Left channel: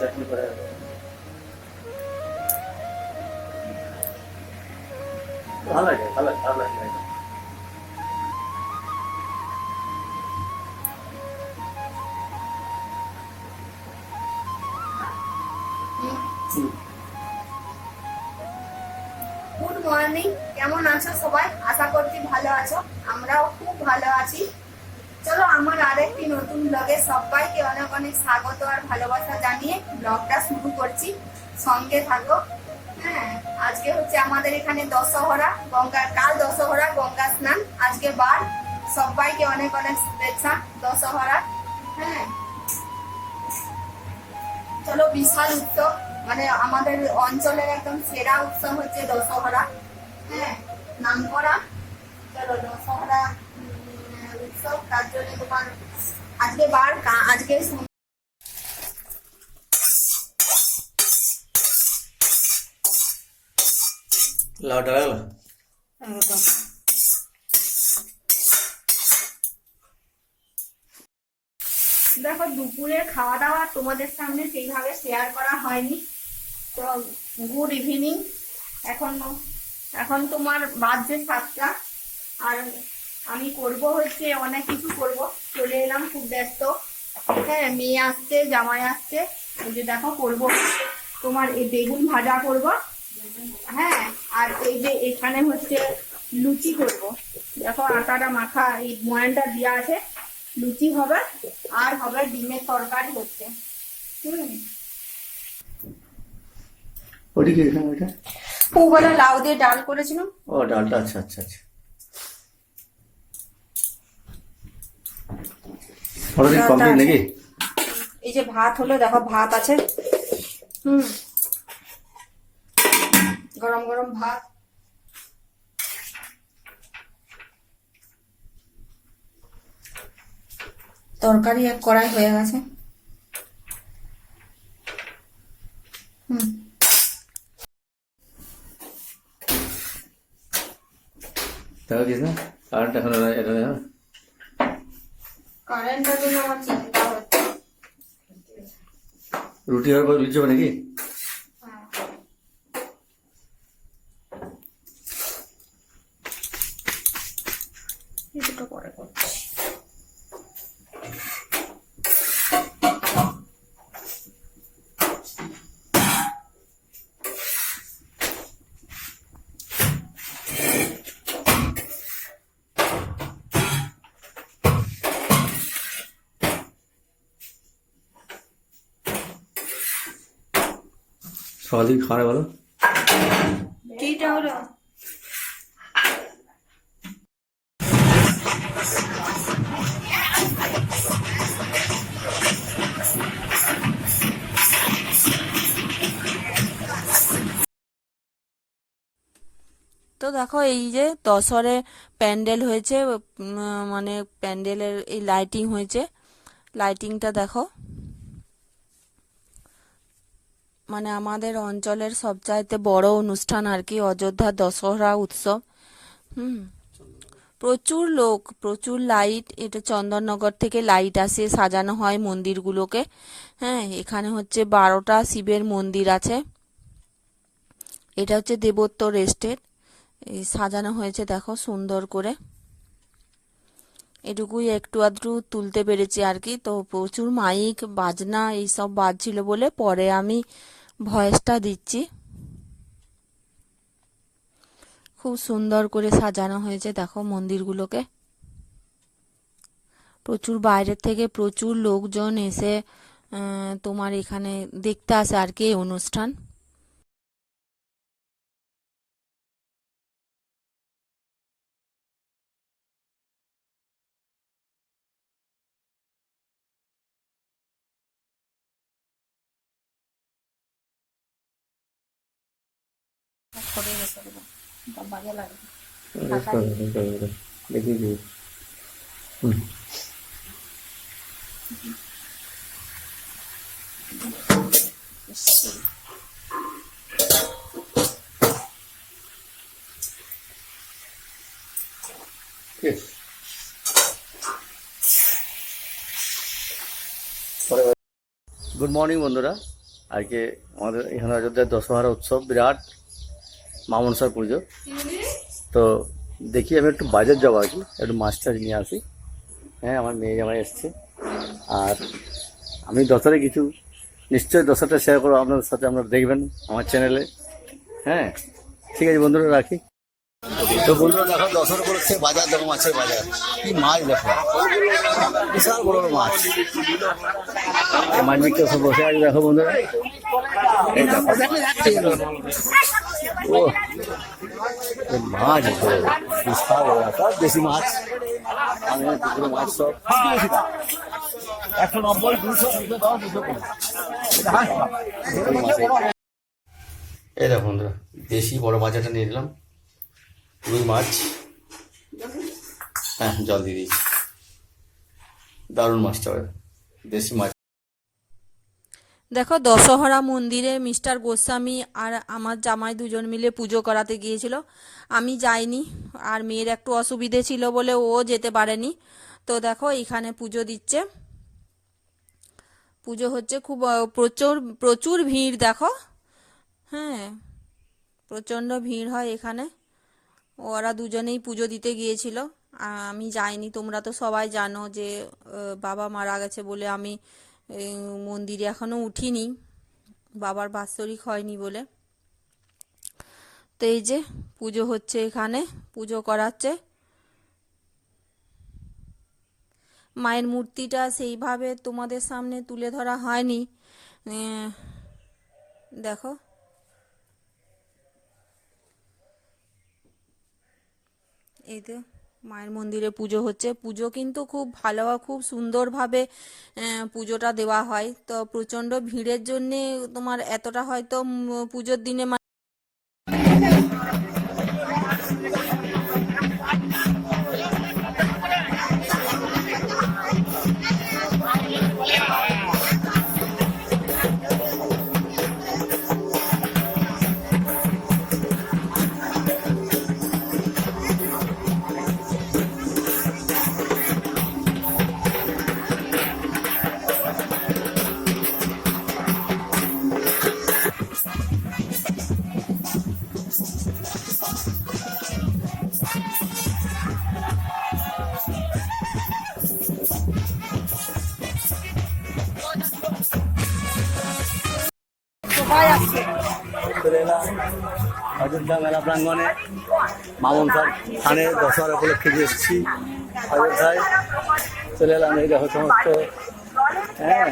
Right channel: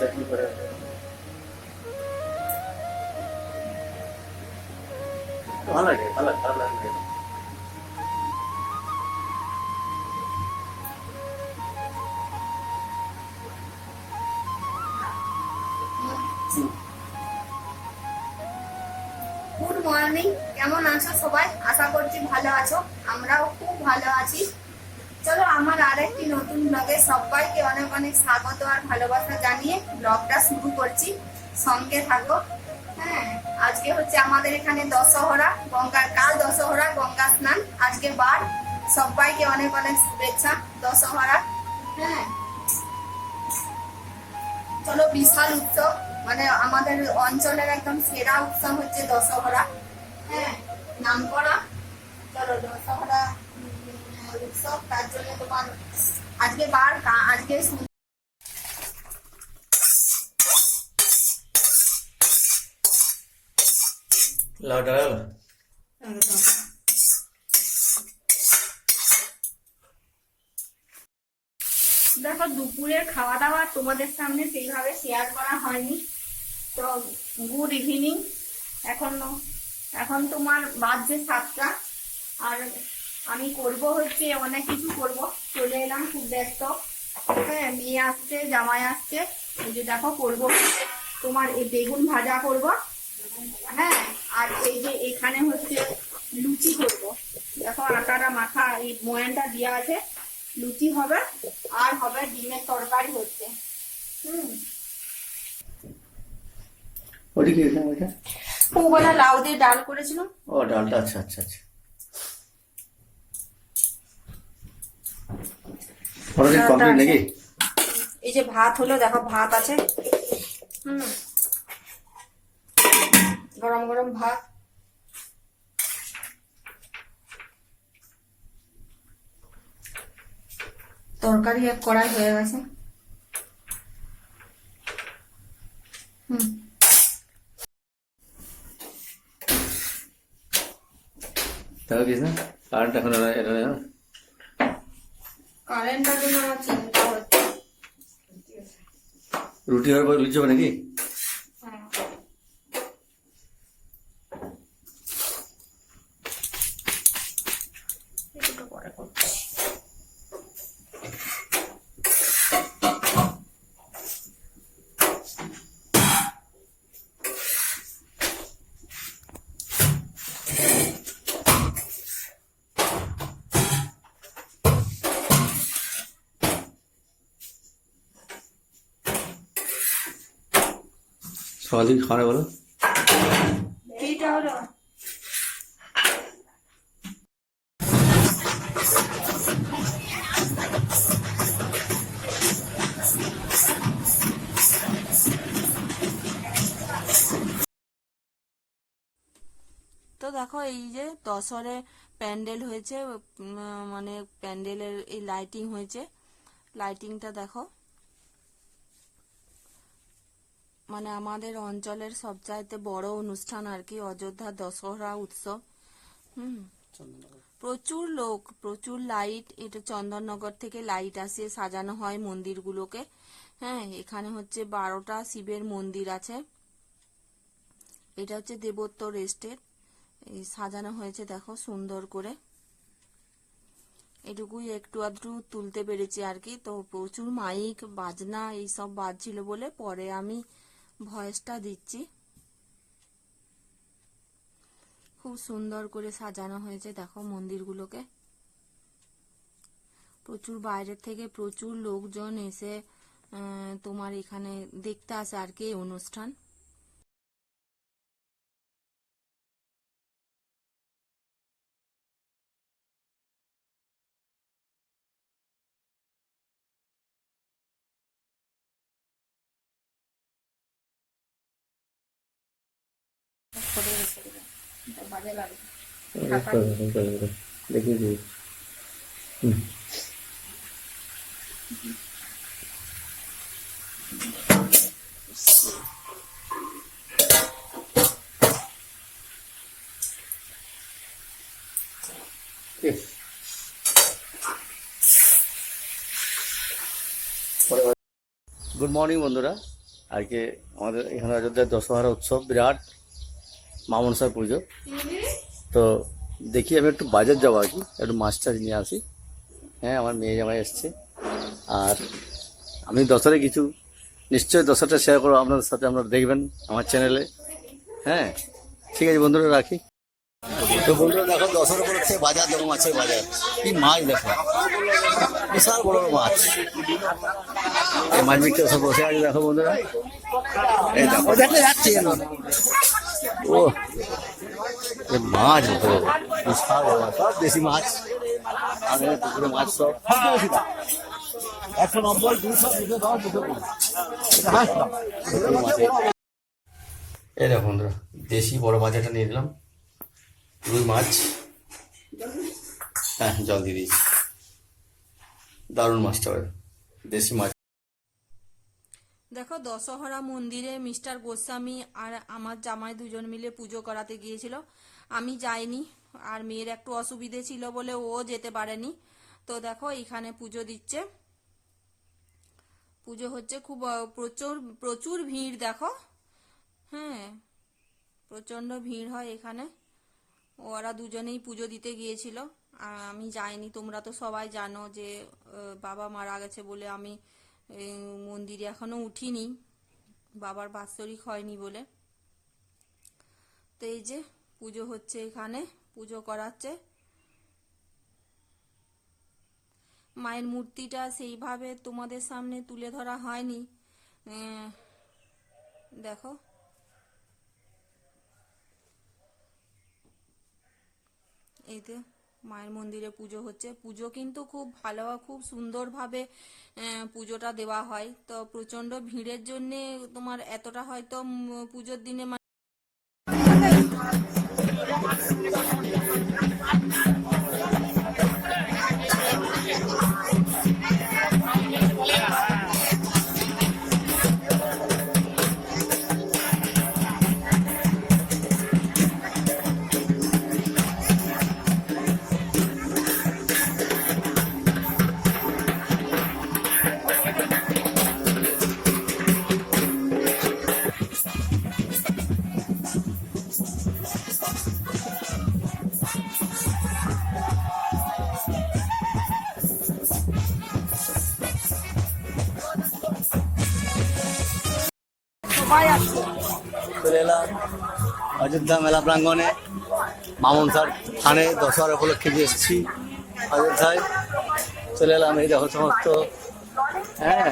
চাটনি করে ভালো লাগে ভালো লাগে ভালো লাগে। আছো সবাই? আশা করছি ভালো আছো। আমরাও খুব ভালো আছি। চলো, আমার আরেকটি নতুন ব্লগে সবাইকে অনেক অনেক স্বাগত আর ভালোবাসা জানিয়ে ব্লগটা শুরু করছি। সঙ্গে থাকো। হ্যাঁ আজকে হচ্ছে আমাদের এখানে দশহরা, গঙ্গার কাল দশহরা, গঙ্গা স্নান। আজকে বার। সবাইকে অনেক অনেক শুভেচ্ছা দশহরা। হ্যাঁ। চলো, বিশাল উৎসব। মানে আমাদের অঞ্চলের একদম সেরা উৎসব হচ্ছে দশহরা। হ্যাঁ। নাম করা চলো দশহরা উৎসব তার জন্য তোমার আজকে বার আজকে লাউটা দেখো দুপুরের খাওয়া দাওয়া তোমাদের সামনে সেইভাবে শেয়ার করা হয়নি। তো গুড ইভিনিং এখন এখন তোমার বাজছে সাতটা। আর আমি করব হচ্ছে, অনেক কিছু করব। চলে এলাম খুব ব্যস্ত। হ্যাঁ মেয়ে আসছে, জামাই আসছে। এই যে দেখো, করব তোমার এই বেগুন ভাজা করব। হ্যাঁ আর এই যে এখানে হচ্ছে লুচি করব। দেখো, আটাটা মাখা, এই ময়ানটা দেওয়া আছে। লুচি হবে, আর হবে ডিমের তরকারি হচ্ছে। হুম। ওটি কি এখানে ওইটা? পুবেলা লাউ দিয়ে ডাল করেছিলাম। ও ডালটা আচ্ছা আচ্ছা আচ্ছা। ওটা কমপ্লিট নাকি? এই যে ভাত হলো দেখো ভাত আছে। হুম। গরম গরম ভাত। তরকারি এক কড়াই হয়ে গেছে। হুম। দেখো কিছু না কারেন্ট এখন এটা নেই, হ্যাঁ? জন্য আমার চিন্তা হচ্ছে রুটি হওয়ার পর হবে নাকি হ্যাঁ। এই পরে সকাল থেকে বলো? তো দেখো, এই যে দশরে প্যান্ডেল হয়েছে মানে প্যান্ডেলের এই লাইটিং হয়েছে। লাইটিংটা দেখো। মানে আমাদের অঞ্চলের সবচাইতে বড় অনুষ্ঠান আর কি, অযোধ্যা দশহরা উৎসব। হুম। প্রচুর লোক, প্রচুর লাইট, এটা চন্দননগর থেকে লাইট আসে, সাজানো হয় মন্দিরগুলোকে। হ্যাঁ এখানে হচ্ছে বারোটা শিবের মন্দির আছে। এটা হচ্ছে দেবত্ব এস্টেট এই সাজানো হয়েছে, দেখো সুন্দর করে। এটুকুই একটু আধটু তুলতে পেরেছি আর কি। তো প্রচুর মাইক, বাজনা, এইসব বাজছিল বলে পরে আমি ভয়েসটা দিচ্ছি। খুব সুন্দর করে সাজানো হয়েছে, দেখো মন্দিরগুলোকে। প্রচুর বাইরের থেকে প্রচুর লোকজন এসে তোমার এখানে দেখতে আসে আর কি এই অনুষ্ঠান। করে বাজে দেখি হুম। গুড মর্নিং বন্ধুরা। আজকে আমাদের এখানে অযোধ্যার দশহরা উৎসব বিরাট মামনসার পুজো। তো দেখি আমি একটু বাজার যাব আর কি, একটু মাছ টাছ নিয়ে আসি। হ্যাঁ আমার মেয়ে জামাই এসছে। আর আমি দশারে কিছু, নিশ্চয়ই দশাটা শেয়ার করব। আপনাদের সাথে আপনারা দেখবেন আমার চ্যানেলে হ্যাঁ ঠিক আছে বন্ধুরা, রাখি। তো বন্ধুরা দেখো দশর উপলক্ষে বাজার, দেখো মাছের বাজার। কি মাছ দেখো। বিশাল বড় মাছ। এই মাছ বিক্রি সব বসে আছে, দেখো বন্ধুরা। এই দেখো। ও মাছ বিশাল বড় মাছ, সব দেশি মাছ। আমি পুকুরে মাছ সব। একশো নব্বই, দুশো দুশো দশ, দুশো এই দেখো বন্ধুরা, দেশি বড় মাছ একটা নিয়ে নিলাম। রুই মাছ। হ্যাঁ জল দিয়ে দিয়েছি। দারুণ মাছটা দেশি মাছ। দেখো, দশহরা মন্দিরে মিস্টার গোস্বামী আর আমার জামাই দুজন মিলে পুজো করাতে গিয়েছিল। আমি যাইনি, আর মেয়ের একটু অসুবিধে ছিল বলে ও যেতে পারেনি। তো দেখো, এখানে পুজো দিচ্ছে। পুজো হচ্ছে খুব প্রচুর প্রচুর ভিড় দেখো। হ্যাঁ প্রচণ্ড ভিড় হয় এখানে। ওরা দুজনেই পুজো দিতে গিয়েছিল। আমি যাইনি, তোমরা তো সবাই জানো যে বাবা মারা গেছে বলে আমি মন্দিরে এখনও উঠিনি। বাবার বাৎসরিক হয়নি বলে। তো এই যে, পুজো হচ্ছে এখানে, পুজো করাচ্ছে। মায়ের মূর্তিটা সেইভাবে তোমাদের সামনে তুলে ধরা হয়নি। দেখো। এই তো মায়ের মন্দিরে পুজো হচ্ছে। পুজো কিন্তু খুব ভালো খুব সুন্দরভাবে পুজোটা দেওয়া হয়। তো প্রচণ্ড ভিড়ের জন্যে তোমার এতটা হয়তো পুজোর দিনে এলাম। অযোধ্যা মেলা প্রাঙ্গণে মামন স্যার থানে দশহরা উপলক্ষে যে এসেছি অযোধ্যায়। চলে এলাম এই দেখো সমস্ত হ্যাঁ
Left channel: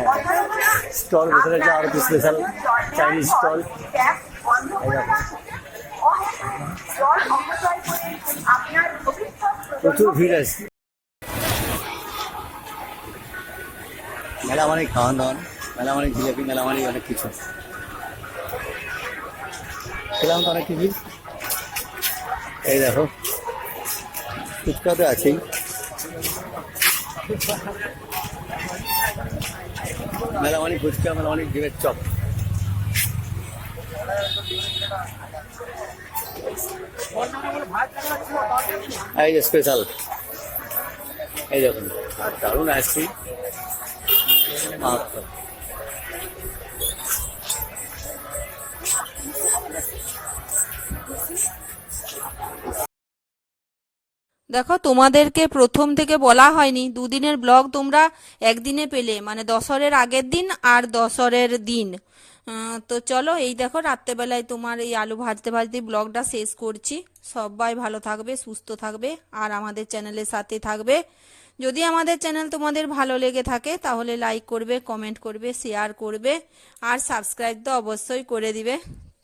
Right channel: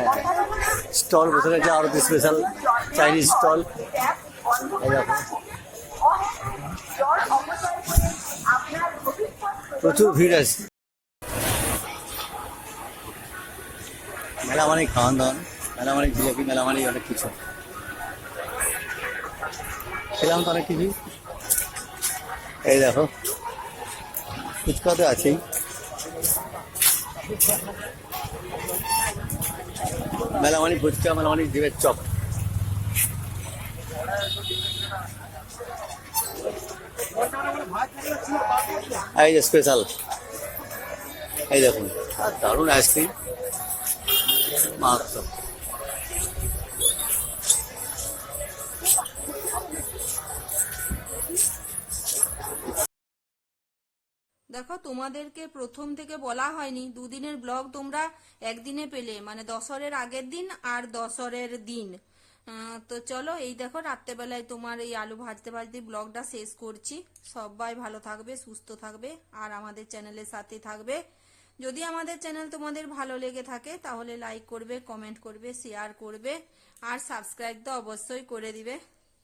স্টল বসে গেছে আরও স্পেশাল চাইনিজ স্টল এই দেখো। প্রচুর ভিড় আছে। মেলা মানে খাওয়ান দাওয়ান মেলা মানে জিলেপি মেলা মানে অনেক কিছু। খেলাম তো অনেক কিছু এই দেখো ফুচকা তো আছেই মানে ফুচকা মেলা মানে ডিমের চপ। এই যে স্পেশাল এই দেখুন আর দারুণ আইসক্রিম মাত্র দেখো, তোমাদেরকে প্রথম থেকে বলা হয়নি, দুদিনের ব্লগ তোমরা একদিনে পেলে মানে দশরের আগের দিন আর দশরের দিন। তো চলো, এই দেখো, রাত্রেবেলায় তোমার এই আলু ভাজতে ভাজতে ব্লগটা শেষ করছি। সবাই ভালো থাকবে, সুস্থ থাকবে, আর আমাদের চ্যানেলের সাথে থাকবে। যদি আমাদের চ্যানেল তোমাদের ভালো লেগে থাকে, তাহলে লাইক করবে কমেন্ট করবে শেয়ার করবে, আর সাবস্ক্রাইব তো অবশ্যই করে দিবে।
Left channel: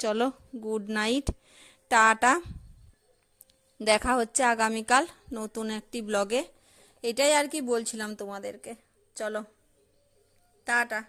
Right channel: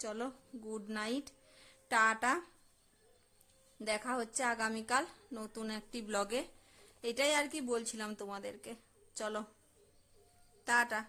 চলো গুড নাইট টাটা। দেখা হচ্ছে আগামীকাল নতুন একটি ব্লগে। এটাই আর কি বলছিলাম তোমাদেরকে। চলো টাটা।